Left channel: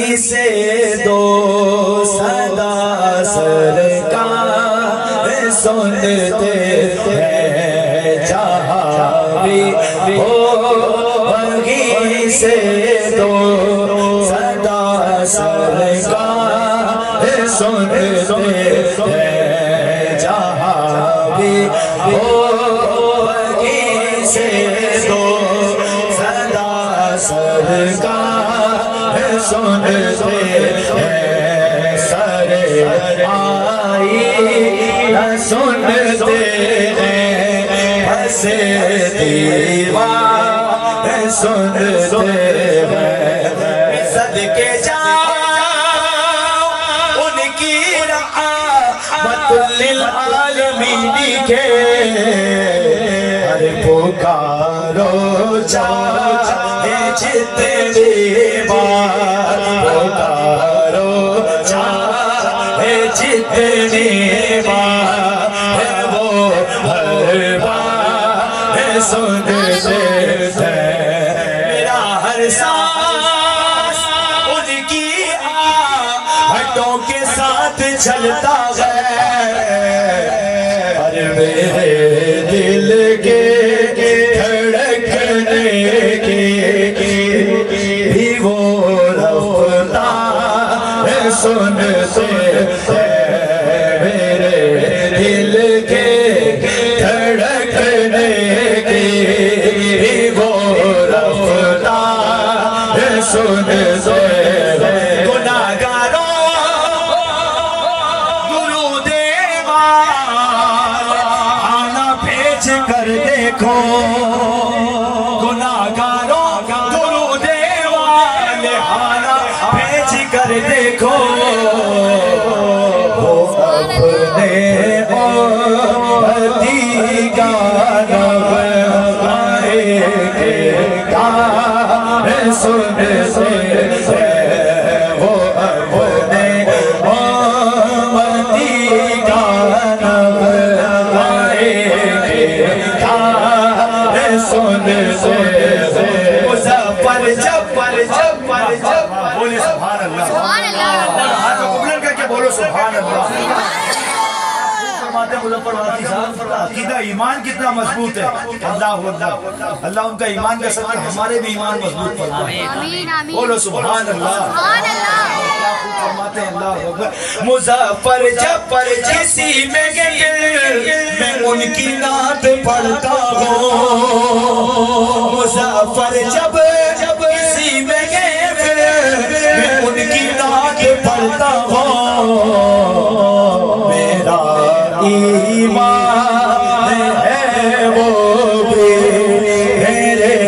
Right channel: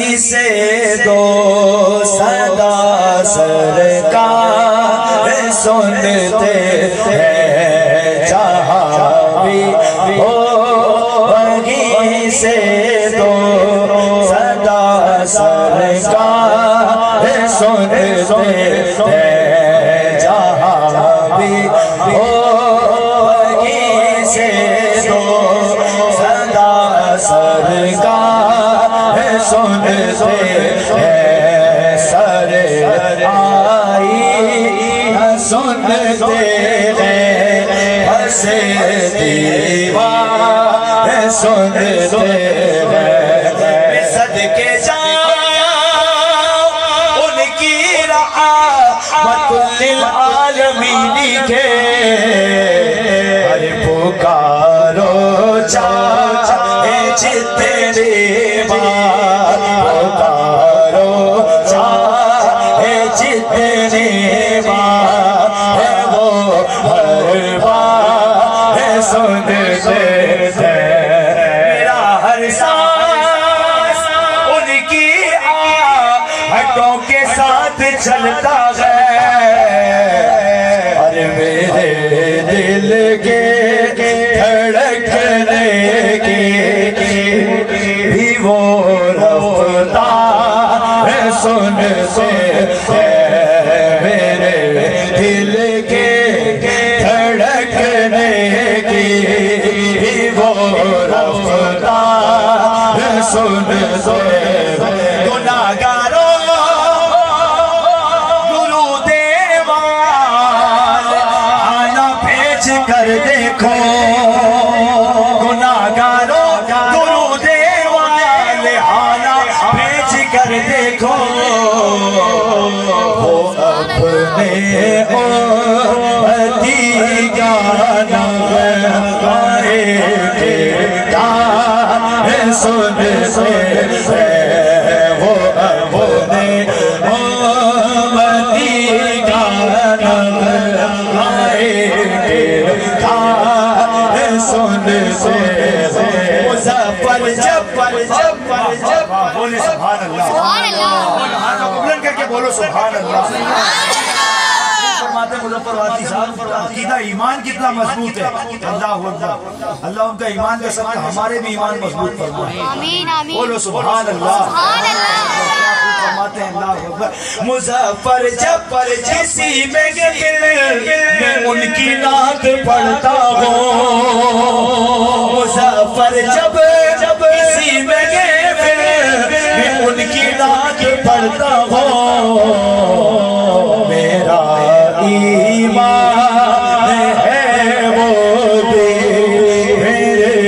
وہیں سے دو صدا سرکار سنتے ہیں جہاں بھی ہو وہیں سے دو صدا سرکار سنتے ہیں جہاں بھی ہو وہیں سے دو صدا سرکار سنتے ہیں سر آئی نہ سنتے ہیں بس دیوار سنتے ہیں صدقے جاؤ ان کی رحمت للعالمین کے ارے پکارو چاہے جتنے بار پکارو چاہے جتنے بار وہ ہر بار سنتے ہیں میرا ہر سانس ان کی آہٹوں کے ساتھ چلتا ہے اور میرے دل کے دھڑکنے کی بھی وہ رفتار سنتے ہیں میرے دل کے دھڑکنے کی بھی وہ رفتار سنتے ہیں گناہگاروں درود وار آنا بھیج کر دیکھو گناہگاروں درود وار آنا بھیج کر دیکھو اپنے امتی کا نغمے پیغام سنتے ہیں وہ اپنے امتی کا نغمے پیغام سنتے ہیں مظفر جب بولے سبحان اللہ سبحان اللہ بولو ہاتھوں کو بلند کر کے بولو سبحان اللہ فرماتے ہیں مظفر واسی صاحب عقیدہ ایمان کتنا مضبوط ہے اللہ اکبر اللہ ان کا ایمان کا صدقہ ہمارے بھی ایمان مضبوط فرمائے آمین آمین بولو سبحان اللہ سبحان اللہ کیا خوب فرماتے ہیں اللہ اکبر مظفر جب کسی محفل میں ان کی نعت پڑھتا ہوں مظفر جب کسی محفل میں ان کی نعت پڑھتا ہوں میرا ایمان ہے وہ بھی میرے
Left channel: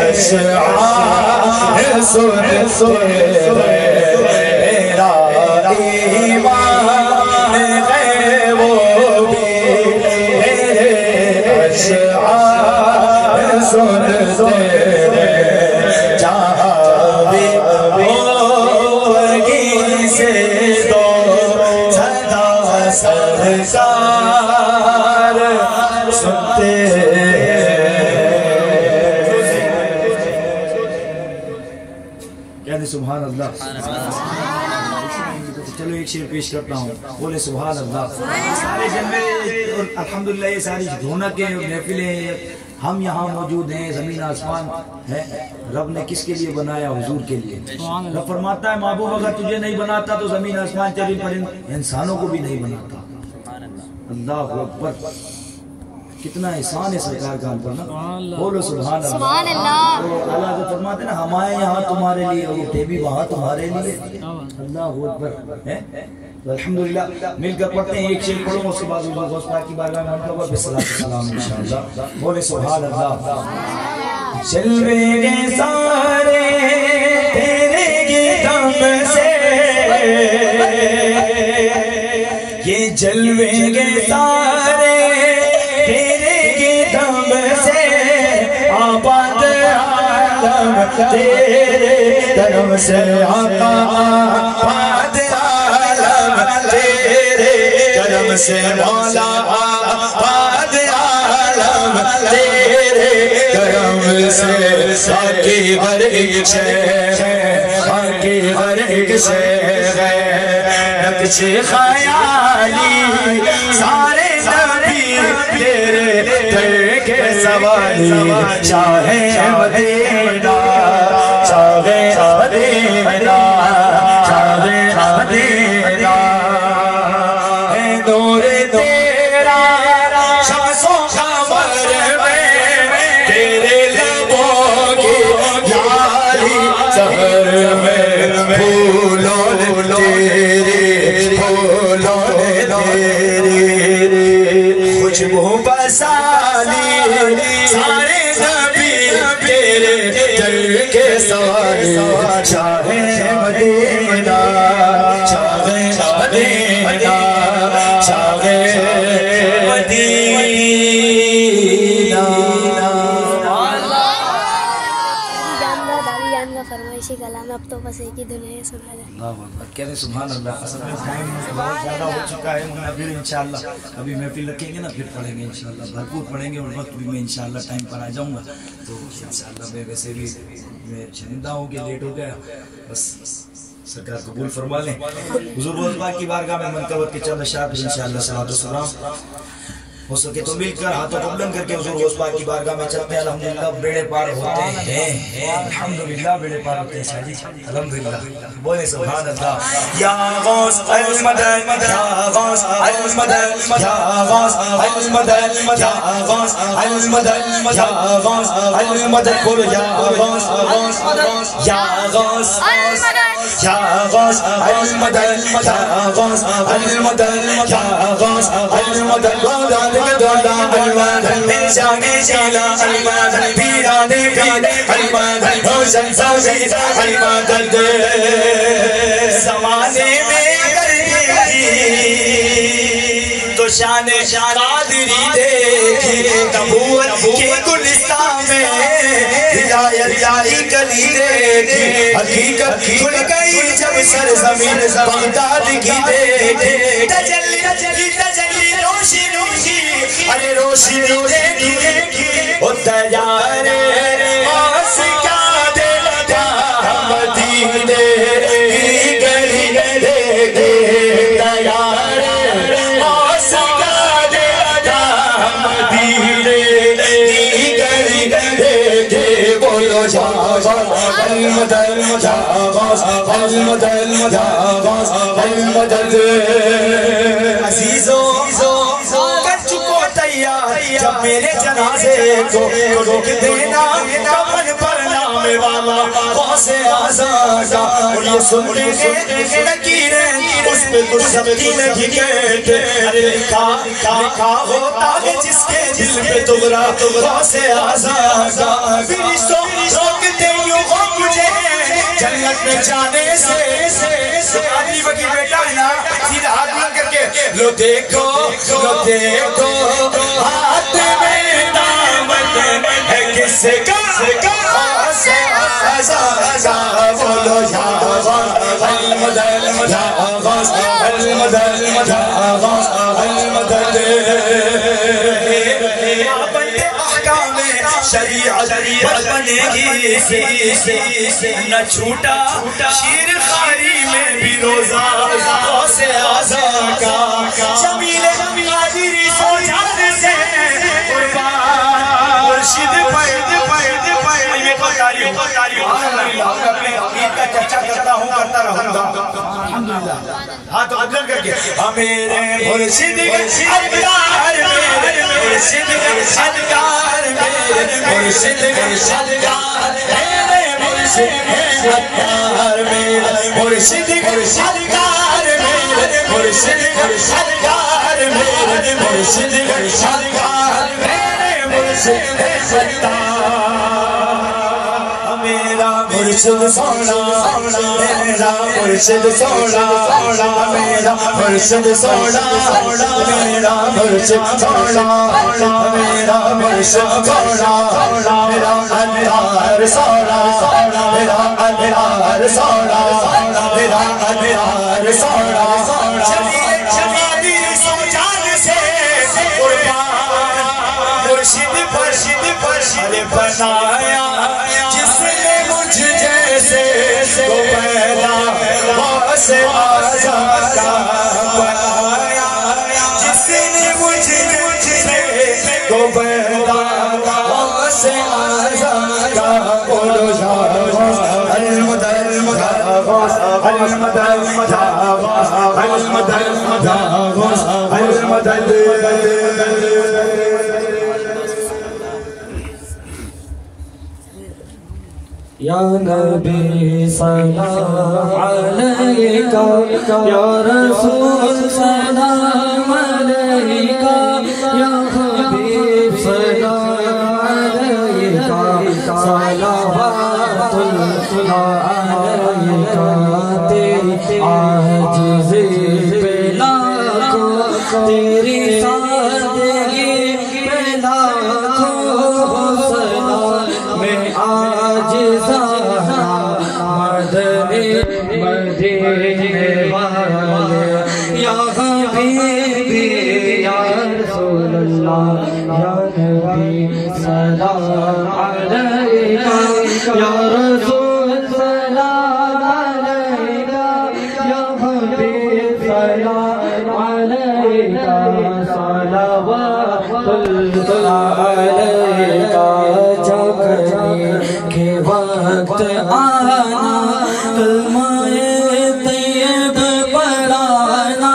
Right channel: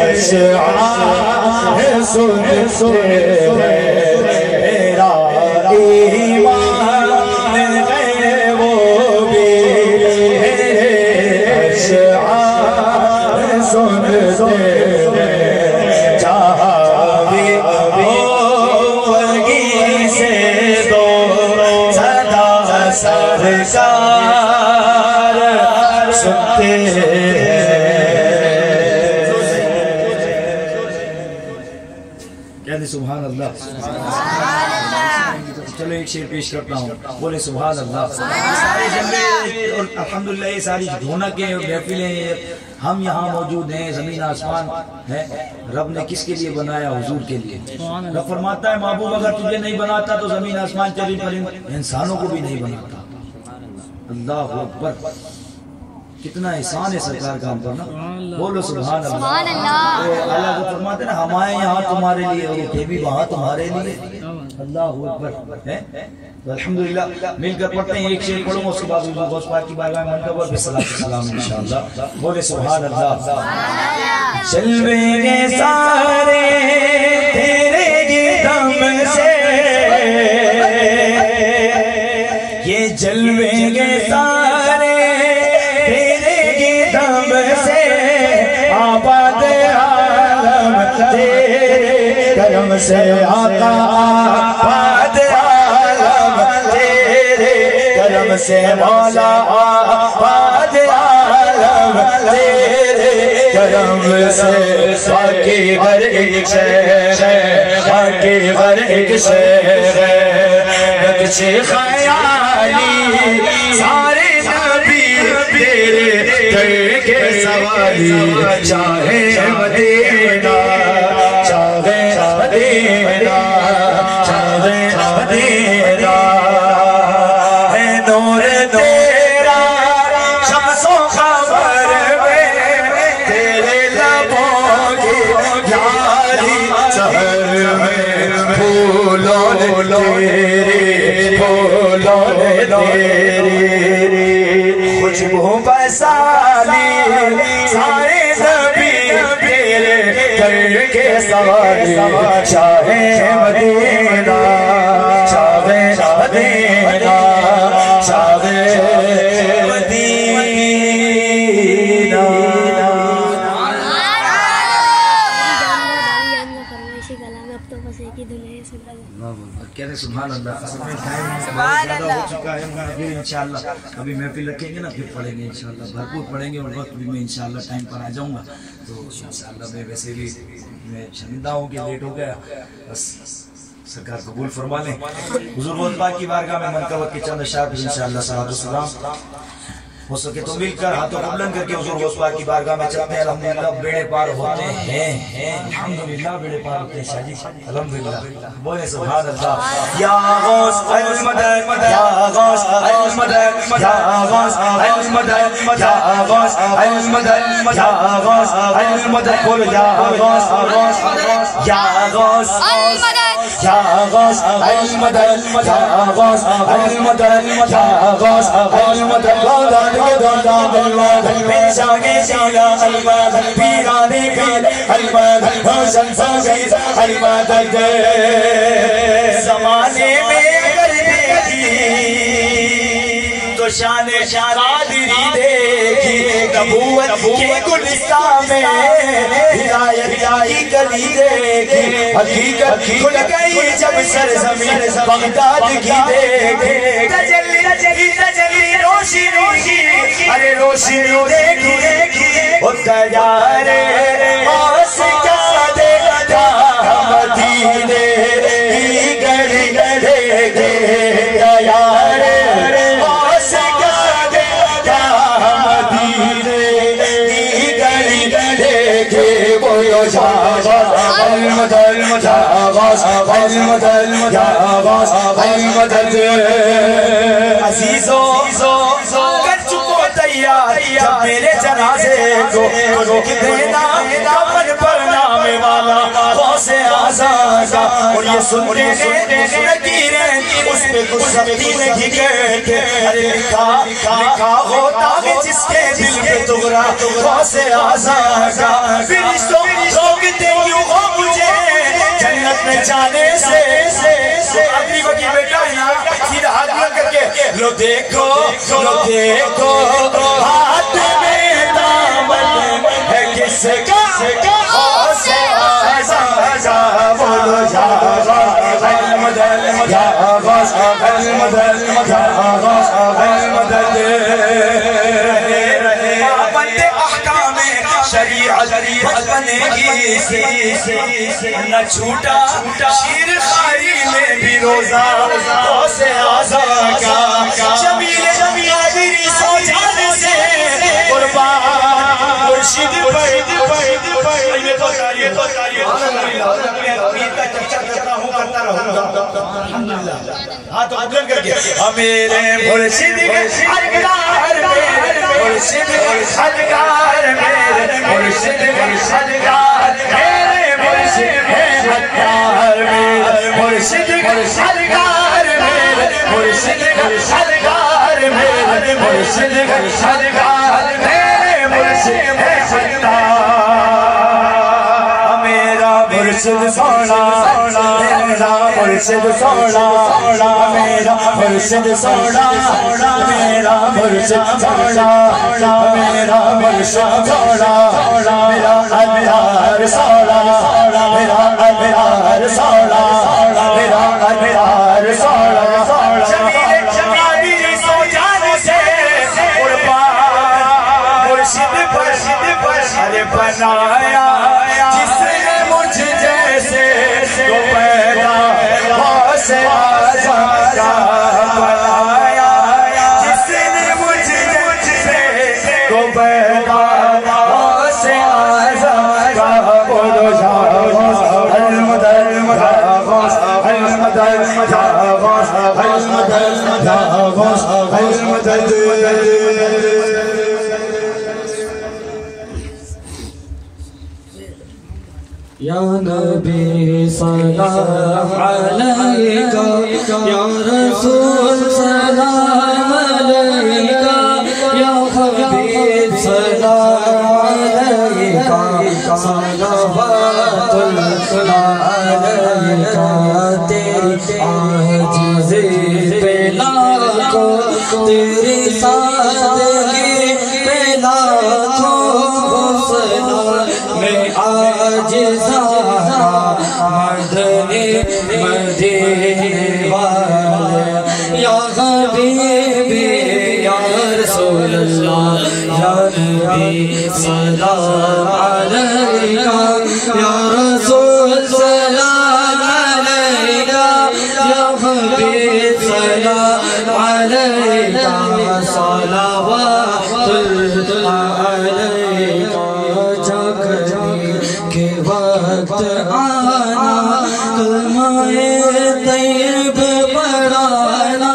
اشعار سنتے میرا ایمان ہے وہ بھی میرے اشعار سنتے جہاں بھی وہیں سے دو صدا سرکار سنتے کہتے سبحان اللہ چلو ایک شعر پیش کرتا ہوں بولے سبحان اللہ سارے جلوے اور الحمدللہ یہ ساری رونقیں محفلیں ہم یہاں موجود ہیں زمین آسمان ہے رب نے کس کے لیے بنایا حضور کے لیے رب فرماتا ہے محبوب اگر تجھے نہیں بناتا تو زمین آسمان چرند پرند انسانوں کو بھی نہیں بناتا اللہ اکبر کتنا احسان ہے سرکار کا ہم پر نا بولو سبحان اللہ سبحان اللہ اللہ کو فرماتے ہیں نا ہم آئے یہاں تمہارے لیے اور اٹھے بھی وہاں تمہارے لیے اللہ اکبر ہے تو الحمدللہ مل کر پڑھتے ہیں ایک شعر پڑھوں اس کے بعد غوث پاک کی بارگاہ میں منتظر بالصلاۃ والسلام انشاءاللہ بولے سبحان اللہ جلوے سارے تیرے کی دم سے یہ جلوے سارے تیرے کی دم سے آباد عالم تیرے کرم سے آقا آباد عالم تیرے کرم سے مولا آباد عالم تیرے کرم سے باقی ہر ایک شے باقی ہر ایک شہر نقش خیالی سارے نبی تیرے در کے سوالی شاہ مدینہ شاہ مدینہ شاہ مدینہ ہے نور تیرا شمس و قمر میں تیرے لبوں کی لالی سحر میں پھولوں نے تیری پھولوں نے تیری خوشبو بسالی سارے نبی تیرے در کے سوالی شاہ مدینہ شاہ مدینہ شاہ مدینہ کہتے سبحان اللہ. اصل میں ٹائم بہت زیادہ ہو چکا ہے. پھر انشاءاللہ ابھی محفل رکھیں گے نا پھر پڑھیں گے انشاءاللہ بھرپور پڑھیں گے اور وقت بھی میں انشاءاللہ ٹائم پر آ جاؤں گا. تو انشاءاللہ میں ویسے بھی میں شرمندہ ہوں کہ لیٹ ہو گیا. بس سرکار قبول فرما لیں. حضور غوث پاک کی بارگاہ میں منقبت کے چند اشعار پہ انشاءاللہ صلاۃ و سلام ہو سکے تو مل کر ہاتھوں کو بلند کر کے حضور غوث پاک کی بارگاہ میں چلتے ہیں. الحمدللہ بیڑے پار ہوتے ہیں. الحمدللہ بیڑے پار ہوتے ہیں. شاہ جی الحمدللہ بولے سبحان اللہ. یا غوث المدد یا غوث المدد یا غوث المدد یا غوث المدد یا غوث المدد بولو یا غوث یا غوث المدد یا غوث المدد یا غوث المدد یا غوث المدد شانے شالا المدد پیرانے پیرانے المدد روشن سوید المدد. زمانے میں اگر دیکھی تو شان قادری دیکھی. نبوت کے گلستان میں ہدایت کی کلی دیکھی. حقیقت کھل گئی جب سرزمین بغداد کی دیکھی. تجلی روشنی کی ارے روشنی دیکھی وہ تیار آس کیا دیتا مدینے کی گلی دیکھے. تیار آس کیا دیتا مدینے کی گلی دیکھے. بولو جا المدد جا غوث المدد جا غوث المدد. عزیزوں کر چکو تیار جب میرے جنازے کو روک دینا کفن پر نام والا غوث اعظم کا. اور یہ سنتے ہیں نکیریں اس پہ کچھ سبتی نہیں کہتے. لکھا ہوتا ہے جس کے دل پہ تغرا غوث اعظم کا. فرشتوں روکتے یوں ہو مجھے جنت میں جانے سے. آدمی وکی بیٹا ہے نا سیدھا ہاتھ بلند کر کے لو دیکھو ہاتھ میں دامن ہے کس کا غوث اعظم کا. بولو یا غوث المدد یا غوث المدد یا غوث المدد. پابند احکام شریعت بنے گی نہ چھوٹا شیر خاری میں بھی روزہ غوث اعظم کا. جمیل قادری سو جانے سے قربان مرشد کرتا ہوں کرتا رہوں گا. الحمدللہ ہاتھ بلند کر کے میرے مرشد ادگار میرے مرشد ادگار میرے مرشد ادگار میرے مرشد ادگار میرے مرشد ادگار میرے مرشد ادگار میرے مرشد ادگار میرے مرشد ادگار. میرا مرشد سونا میرا مرشد سونا میرا مرشد سونا میرا مرشد سونا میرا مرشد سونا میرا ادیار سونا میرا ادیار سونا میرا ادیار سونا. جمالی سو جان سے قربان مرشد پر بنایا جس نے مجھ جیسے کو پیدا کا بلایا جس نے مجھ سے کو پیغام سے آزاد کا یا نبی سلام علیکہ یا رسول سلام علیکہ یا حبیب سلام علیکہ صلوات اللہ علیکہ تیری عاجزی پہ لاکھوں تیری سادگی پہ لاکھوں سلام میں عاجزانہ مدنی مدینے والے یا حبیبی یا رسول اللہ یا نبی سلام علیکہ یا رسول سلام علیکہ یا حبیب سلام علیکہ صلوات اللہ علیکہ جگنی کے وقت آنا کلمہ طیب پڑھانا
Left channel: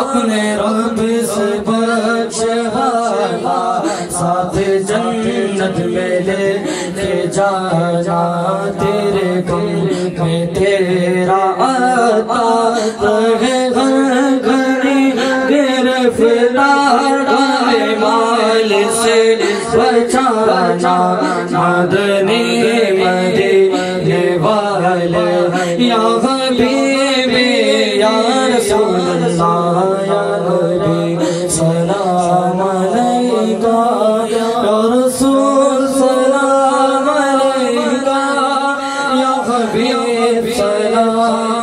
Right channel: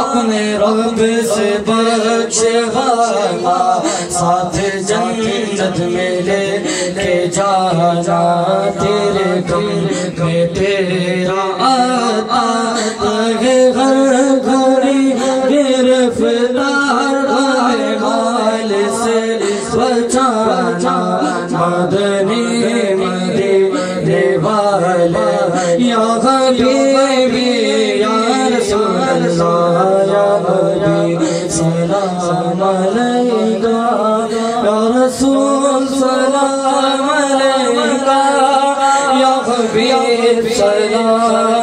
اپنے رب سے بخشوانا ساتھ جنت میں لے کے جانا تیرے غم میں تیرا عطا رہے ہر گھڑی گرفتار مال سے بچانا مدنی مدینے والے یا حبیبی یا رسول اللہ یا نبی سلام علیکہ یا رسول سلام علیکہ یا حبیب سلام